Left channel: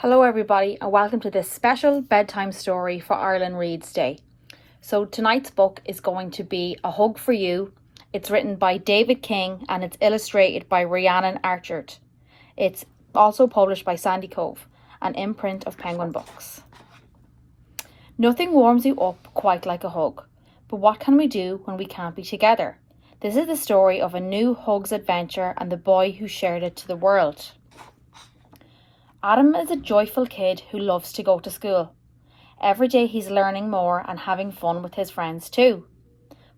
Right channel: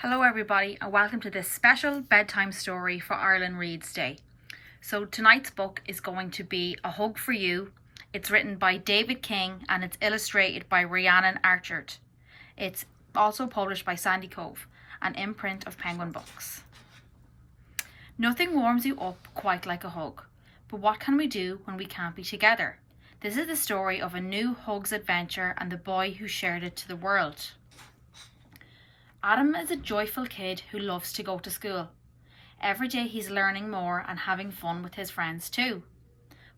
Hello everybody and welcome to this special bedtime story for Ireland Reads Day. So tonight's book is going to be A Hug for You. It's written by David King and it's illustrated by Rhiannon Archard. It's also published by Sandy Cove, an imprint of Penguin Books. Nothing warms you up quite like a hug, but what can we do when we can't be together? This is the story of a new hugs adventure and the boy who shared it to the world. Adam is a joyful kid who loves to go to school. Every day he's learning more and having fun with his friends too.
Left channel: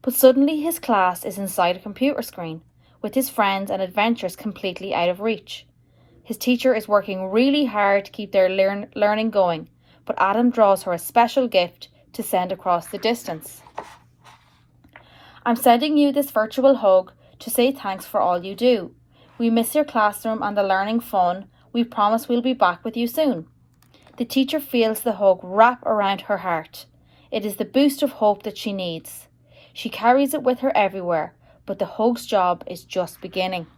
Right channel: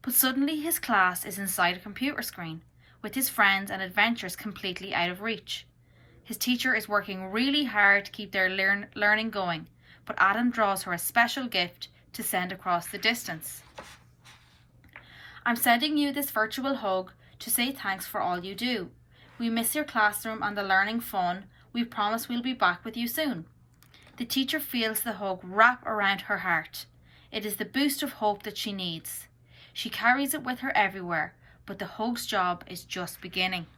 But suddenly his class is inside a computer screen, with his friends and adventures completely out of reach. His teacher is working really hard to keep their learning going, but Adam draws her a special gift to send across the distance. I'm sending you this virtual hug to say thanks for all you do. We miss your classroom and the learning fun. We promise we'll be back with you soon. The teacher feels the hug wrap around her heart. It is the boost of hope that she needs. She carries it with her everywhere, but the hug's job is just beginning.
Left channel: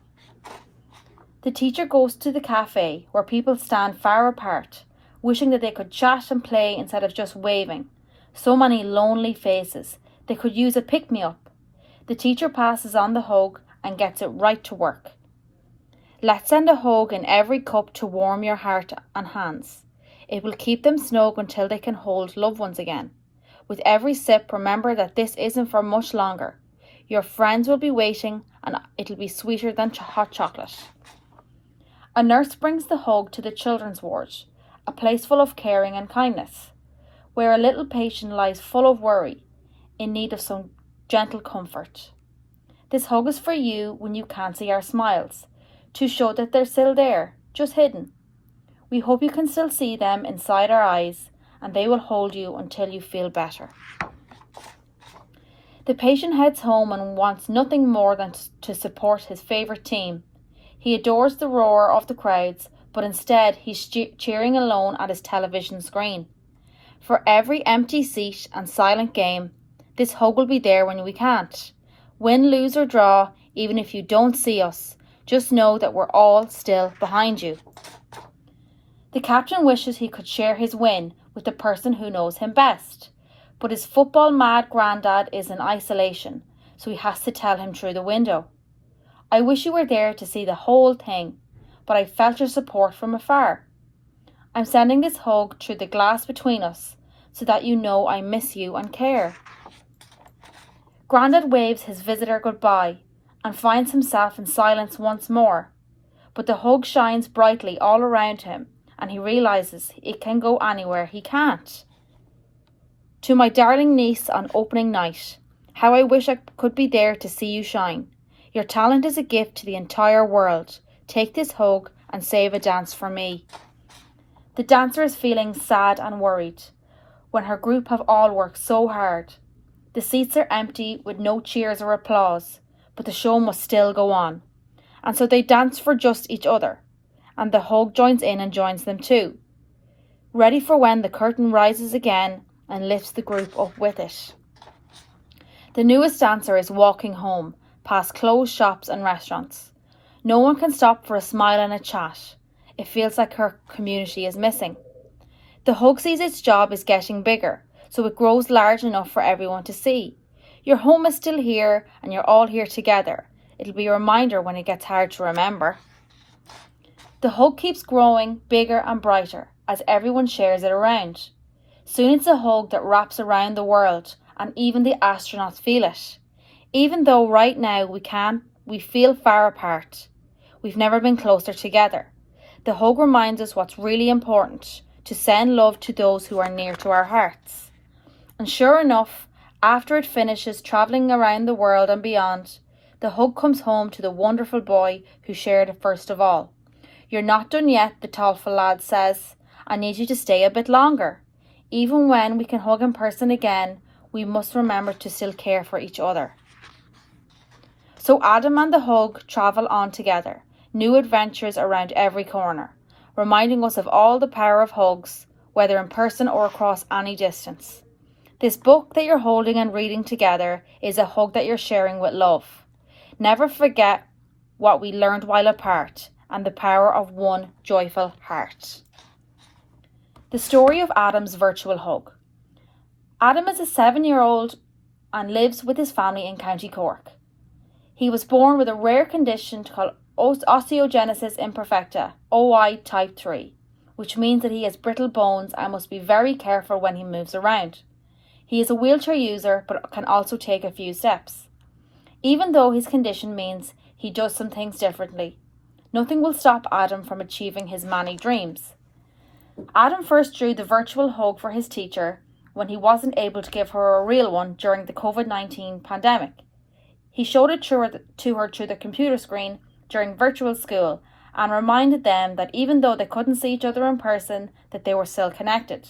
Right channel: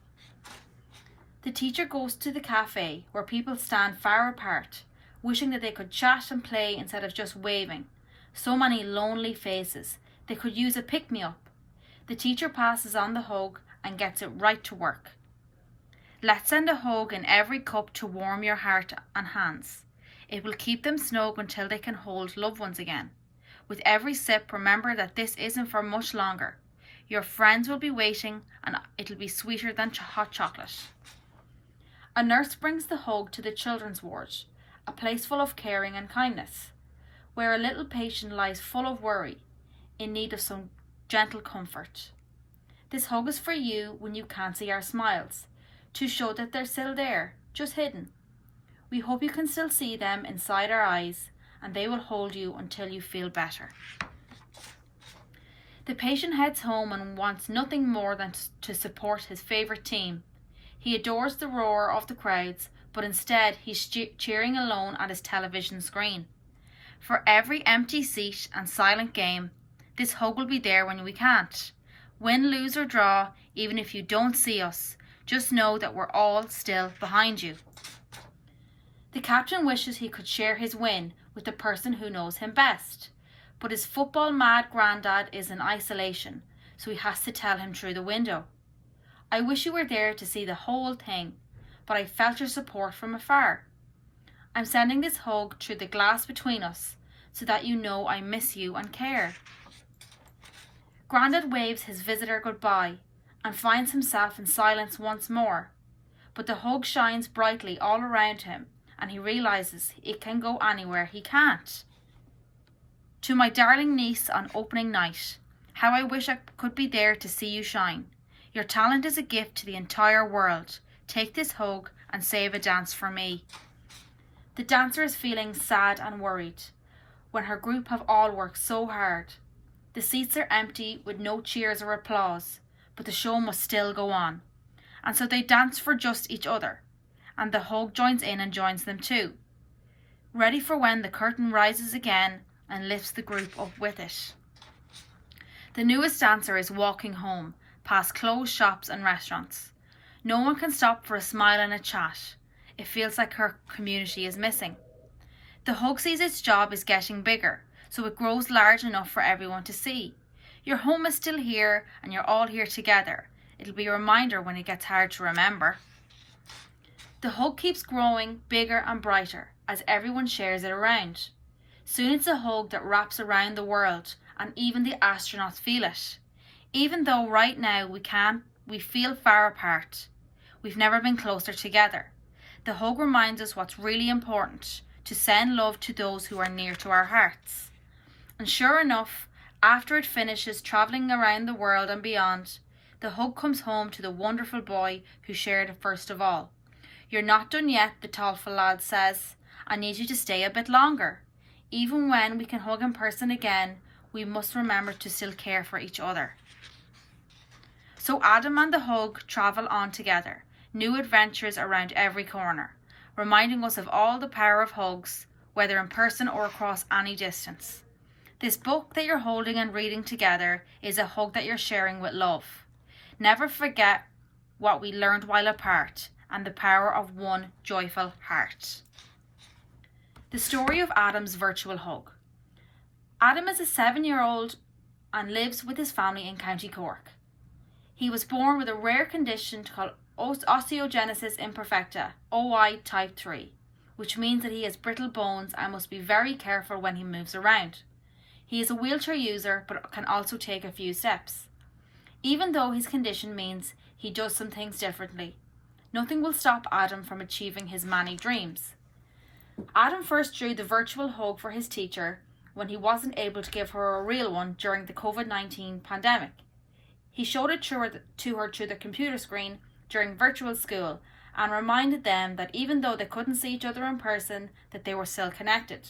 The teacher goes to the cafe where people stand far apart, wishing that they could chat and play instead of just waving. So many lonely faces. They could use a pick-me-up. The teacher passes on the hug and gets it right to work. Let's send a hug in every cup to warm your heart and hands. It will keep them snug until they can hold loved ones again. With every sip, remember that this isn't for much longer. Your friends will be waiting and it'll be sweeter than hot chocolate. A nurse brings the hug to the children's ward, a place full of caring and kindness, where a little patient lies full of worry, in need of some gentle comfort. This hug is for you when you can't see our smiles, to show that they're still there, just hidden. We hope you can still see them inside our eyes and they will hold you until you feel better. The patient heads home and wants nothing more than to support his favourite team. He adores the roar of the crowds, but instead he's cheering alone at his television screen. For every empty seat and silent game, this hug will be there when we can't. Win, lose or draw, even if you don't see us, just know that we're all still behind you. The captain wishes he could share his win with the person who knows him best, but his football-mad granddad is in isolation, so he has to tell him through the window. I wish you were there to see the whole thing, but I felt your support from afar. I'm sending this hug through the glass between us, so that you know I miss you and care. Grandad waves his visitor goodbye, and finds himself in silence once more. But the hug shines brightly all around him, and he realises it can go anywhere he can't. To my darling niece on opening night, how I wish I could be there to see you shine. Your talent is a gift to the entire world. Take this hug and save a dance for me. The dancer is feeling sad and worried when her group have all worked so hard. The seats are empty with no cheers or applause, but the show must still go on. And so they dance for just each other, and the hug joins in and joins them too, ready for when the curtain rises again and lifts the group up with it. The newest dancer is walking home, past closed shops and restaurants. No one can stop for a smile and a chat. It feels like her community is missing. The hug sees its job is getting bigger, so it grows large enough for everyone to see. Your home is still here and you're all here together. It'll be a reminder when it gets hard to remember. The hug keeps growing bigger and brighter as everyone shares it around. Soon it's a hug that wraps around the world and even the astronauts feel it. Even though right now we feel far apart. We've never been closer together. The hug reminds us what's really important, to send love to those who are near to our hearts. And sure enough, after it finishes travelling around the world and beyond, the hug comes home to the wonderful boy who shared it first of all. You're not done yet, the thoughtful lad says. I need you to stay a bit longer. Even when we can hug in person again, we must remember to still care for each other. So Adam and the hug travel on together, new adventures around every corner, reminding us of all the power of hugs, whether in person or across any distance. This book that you're holding and reading together is a hug that you're sharing with love. Never forget what we learned while apart and the power of one joyful heart. The story of Adam's virtual hug. Adam is a 7-year-old and lives with his family in County Cork. He was born with a rare condition called osteogenesis imperfecta, OI type 3, which means that he has brittle bones and must be very careful when he moves around. He is a wheelchair user but can also take a few steps. Even though his condition means he does some things differently, nothing will stop Adam from achieving his many dreams. Adam first drew the virtual hug for his teacher when he wasn't able to give her a real one during the COVID-19 pandemic. He showed it to her through the computer screen during virtual school and reminded them that even though they couldn't see each other in person, that they were still connected.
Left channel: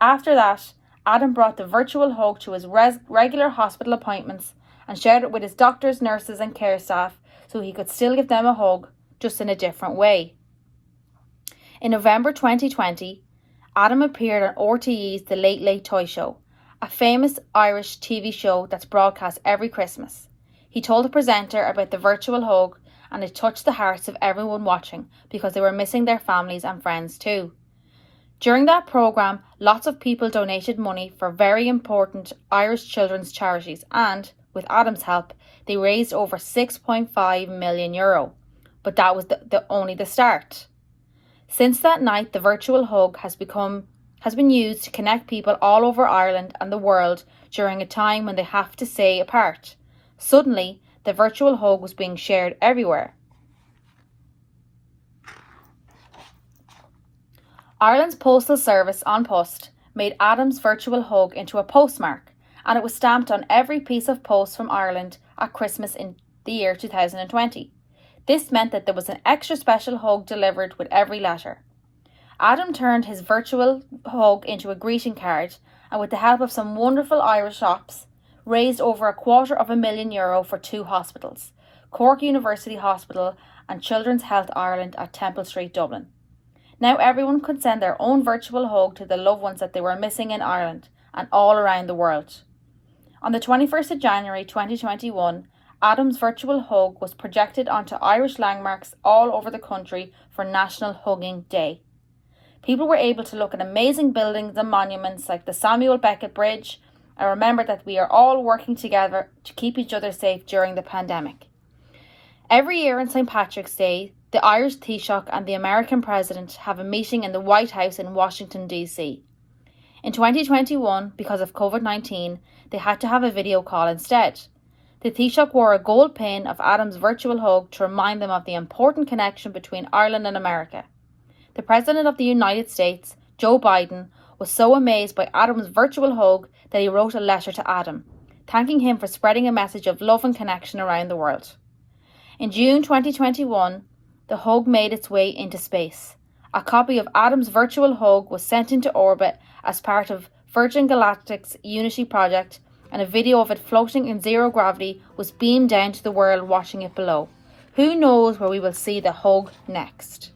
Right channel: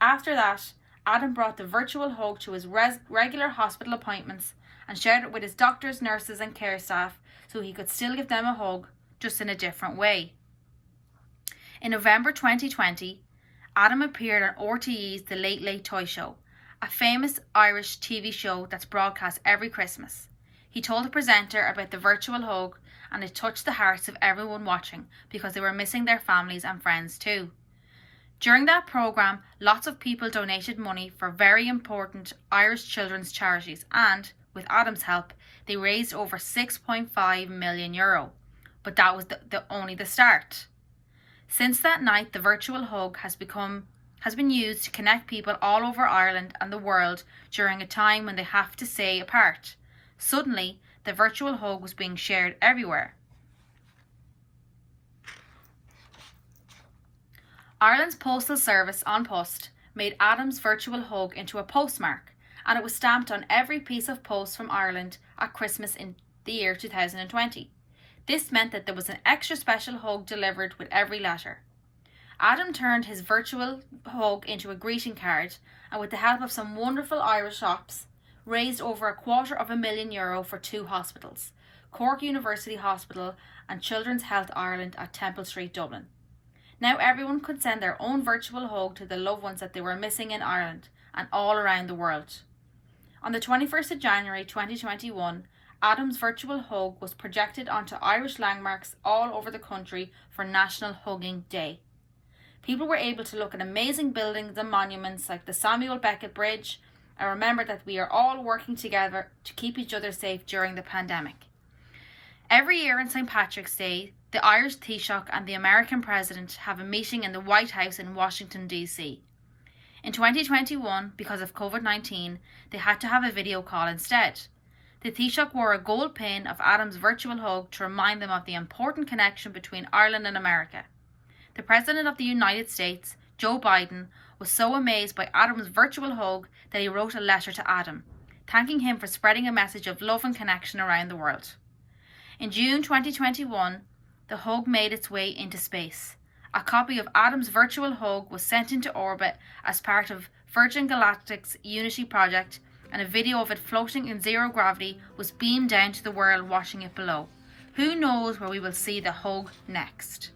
After that, Adam brought the virtual hug to his regular hospital appointments and shared it with his doctors, nurses and care staff so he could still give them a hug, just in a different way. In November 2020, Adam appeared on RTE's The Late Late Toy Show, a famous Irish TV show that's broadcast every Christmas. He told the presenter about the virtual hug, and it touched the hearts of everyone watching because they were missing their families and friends too. During that programme, lots of people donated money for very important Irish children's charities and, with Adam's help, they raised over €6.5 million. But that was only the start. Since that night, the virtual hug has been used to connect people all over Ireland and the world during a time when they have to stay apart. Suddenly, the virtual hug was being shared everywhere. Ireland's postal service An Post made Adam's virtual hug into a postmark, and it was stamped on every piece of post from Ireland at Christmas in the year 2020. This meant that there was an extra special hug delivered with every letter. Adam turned his virtual hug into a greeting card and, with the help of some wonderful Irish shops, raised over €250,000 for 2 hospitals, Cork University Hospital and Children's Health Ireland at Temple Street, Dublin. Now everyone could send their own virtual hug to the loved ones that they were missing in Ireland and all around the world. On the 21st of January 2021, Adam's virtual hug was projected onto Irish landmarks all over the country for National Hugging Day. People were able to look at amazing buildings and monuments like the Samuel Beckett Bridge and remember that we are all working together to keep each other safe during the pandemic. Every year on St. Patrick's Day, the Irish Taoiseach and the American President have a meeting in the White House in Washington, D.C. In 2021, because of COVID-19, they had to have a video call instead. The Taoiseach wore a gold pin of Adam's virtual hug to remind them of the important connection between Ireland and America. The President of the United States, Joe Biden, was so amazed by Adam's virtual hug that he wrote a letter to Adam, thanking him for spreading a message of love and connection around the world. In June 2021, the hug made its way into space. A copy of Adam's virtual hug was sent into orbit as part of Virgin Galactic's Unity project, and a video of it floating in zero gravity was beamed down to the world watching it below. Who knows where we will see the hug next?